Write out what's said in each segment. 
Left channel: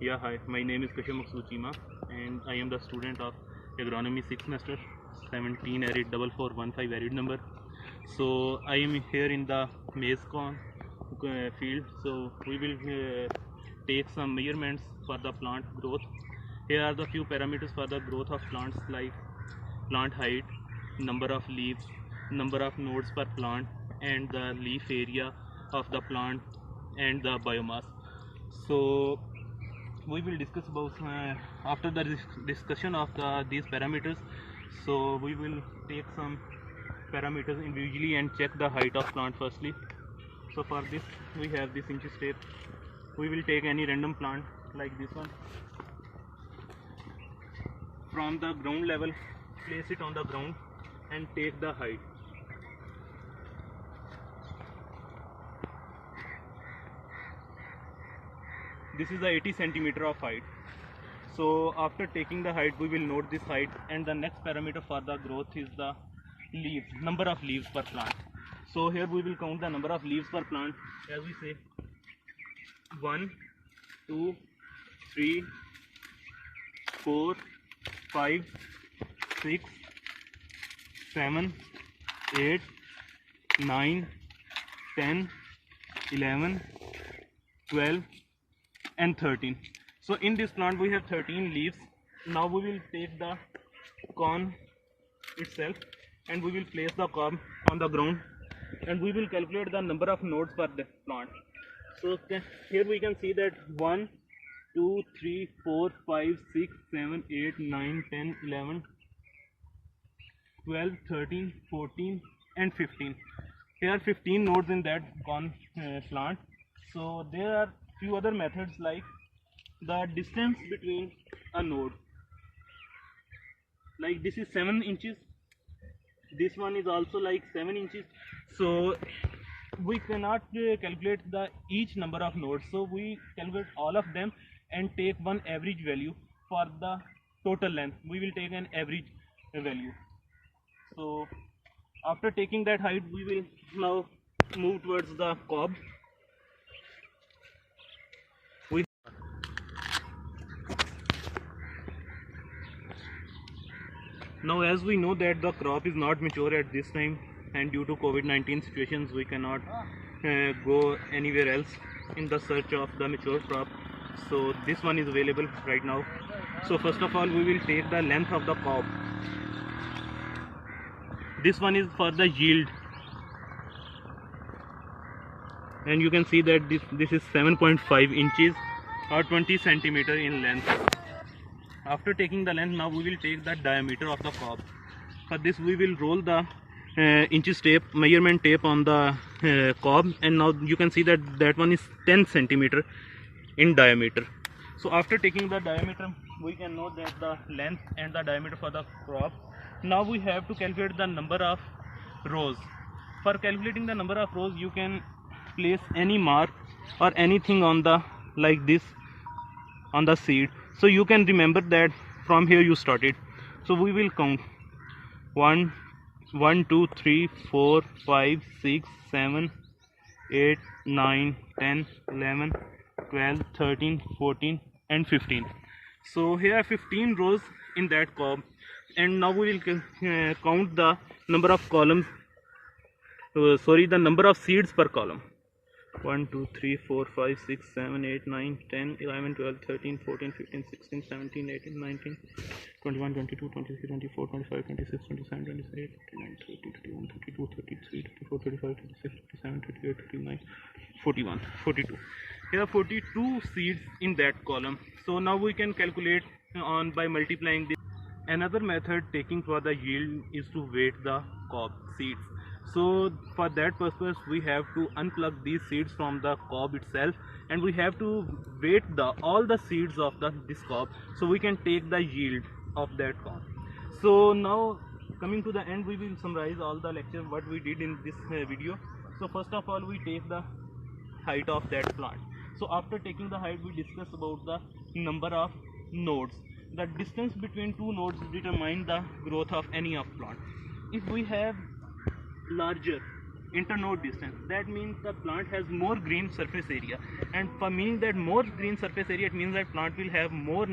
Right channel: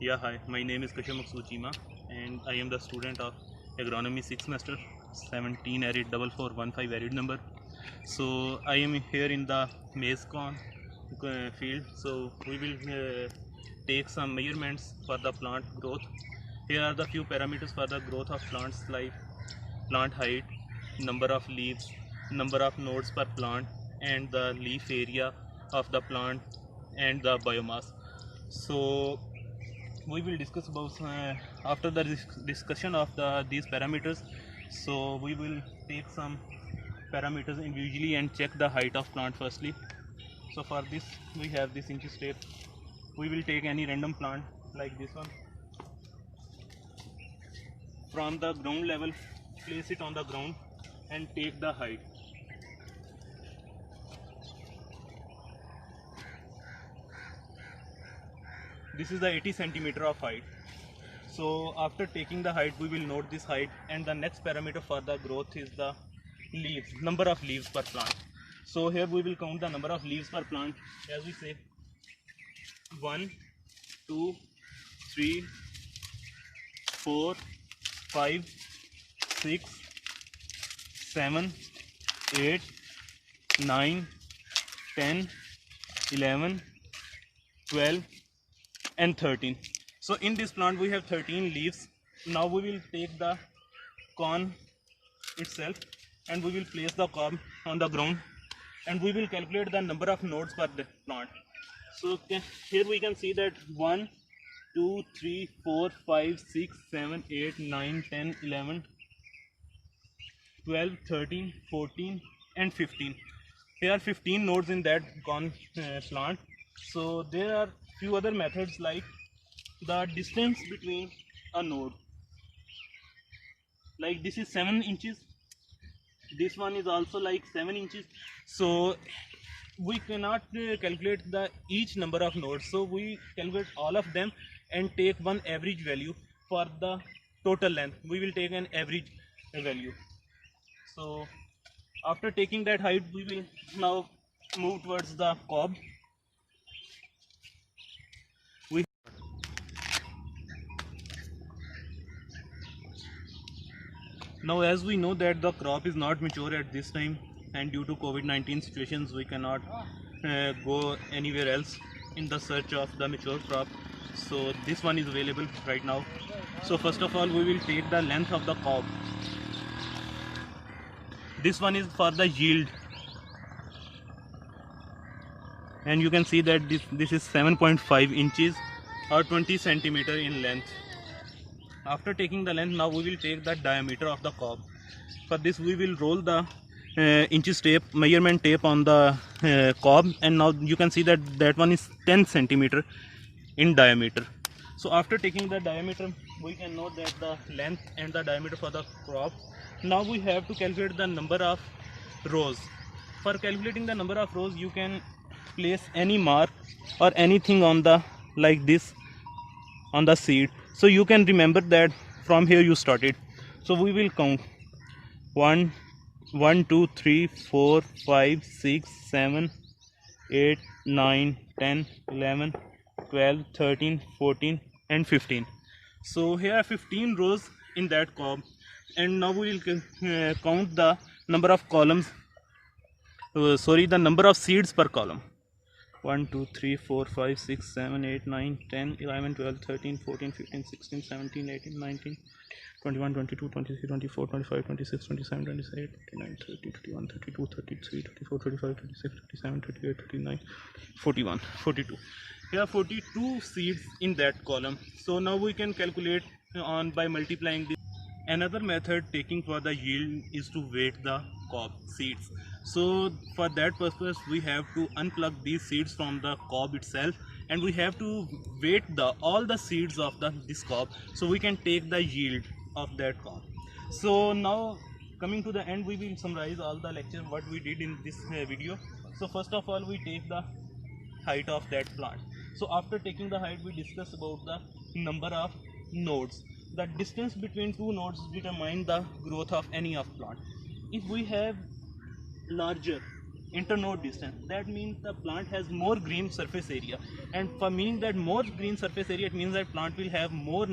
Yeah, hi. My name is Kashyap Chima, and I am the student of agronomy 6th semester, 17 arid 4415 arid number. So I am here in the maize corn field. So we will take some measurements for the plant growth. Here are the few parameters for the growth of plants like plant height, number of leaves, number of nodes per plant, and the leaf area of the plant and the biomass. So we will discuss about after the discussion of these parameters. So we will take some parameters individually and check the height of plant firstly. So for this we have this inches tape. We will take any random plant like this one from the ground level, place it on the ground and take the height. This is the 80 centimeter of height. So after taking the height, we will note this height, and the next parameter for the growth is the leaves, number of leaves per plant. So here we will count the number of leaves per plant, as we say 1, 2, 3, 4, 5, 6, 7, 8, 9, 10, 11, 12 and 13. So in this plant we have 13 leaves. Now we will take the corn itself and we will place the cob on the ground and we will calculate the number of nodes per the plant. So here we can see that 1, 2, 3, 4, 5, 6, 7, 8, 9, 10, 11, 12, 13, 14 and 15. There are 15 nodes in that corn plant. So there are few other methods like the distance between a node, like this is 7 inches, this one is also like 7 inches. So we cannot calculate the each number of nodes, so we calculate all of them and take one average value for the total length. We will take an average value. So after taking that height, we will now move towards the cob. We Now, as we know that the crop is not mature at this time, and due to COVID-19 situations, we cannot go anywhere else in the search of the mature crop. So this one is available right now. So first of all, we will take the length of the cob. This one is for the yield, and you can see that this is 7.5 inches or 20 centimeter in length. After taking the length, now we will take the diameter of the cob. For this we will roll the inches tape, measurement tape on the cob, and now you can see that that one is 10 centimeter in diameter. So after taking the diameter, we can know that the length and the diameter for the crop. Now we have to calculate the number of rows. For calculating the number of rows, you can place any mark or anything on the like this on the seed, so you can remember that from here you started. So we will count 1, 2, 3, 4, 5, 6, 7, 8, 9, 10, 11, 12, 13, 14 and 15. So here are 15 rows in that cob, and now we will count the number of columns, the number of seeds per column. 1, 2, 3, 4, 5, 6, 7, 8, 9, 10, 11, 12, 13, 14, 15, 16, 17, 18, 19, 21, 22, 23, 24, 25, 26, 27, 28, 29, 30, 31, 32, 33, 34, 35, 36, 37, 38, 39, 41, 42. Here are 42 seeds in that column. So now we can calculate on by multiplying this. Another method taking for the yield is to weight the cob seeds. So for that purpose we have to unplug these seeds from the cob itself, and we have to weight all the seeds of this cob, so we can take the yield of that cob. So now coming to the end, we will summarize all the lecture what we did in this video. So first of all, we take the height of that plant. So after taking the height, we discuss about the number of nodes. The distance between two nodes determine the growth of any of plant. If we have larger internode distance. That means the plant has more green surface area, and for meaning that more green surface area, it means that plant will have more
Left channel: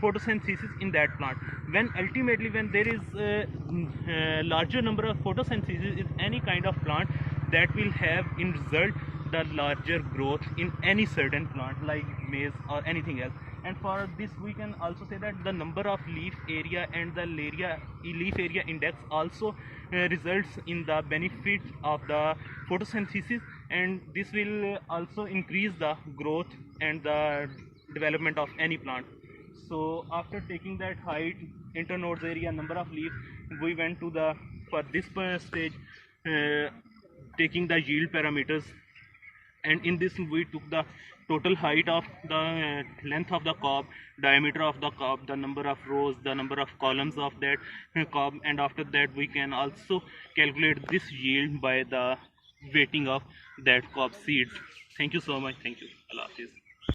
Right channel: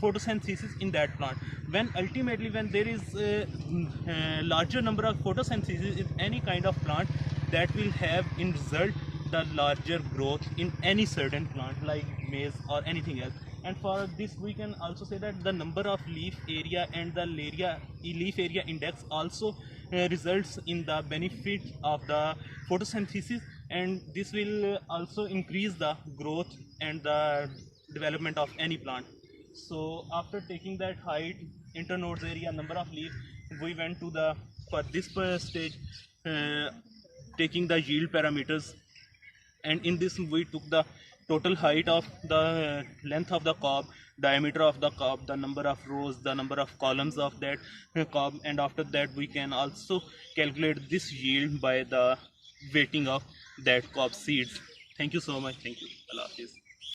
photosynthesis in that plant. When ultimately when there is larger number of photosynthesis in any kind of plant, that will have in result the larger growth in any certain plant like maize or anything else. And for this we can also say that the number of leaf area and the leaf area index also results in the benefit of the photosynthesis, and this will also increase the growth and the development of any plant. So after taking that height, internodes area, number of leaf, we went to the for this stage taking the yield parameters, and in this we took the total height of the length of the cob, diameter of the cob, the number of rows, the number of columns of that cob, and after that we can also calculate this yield by the weighting of that cob seeds. Thank you so much. Thank you. Allah Hafiz.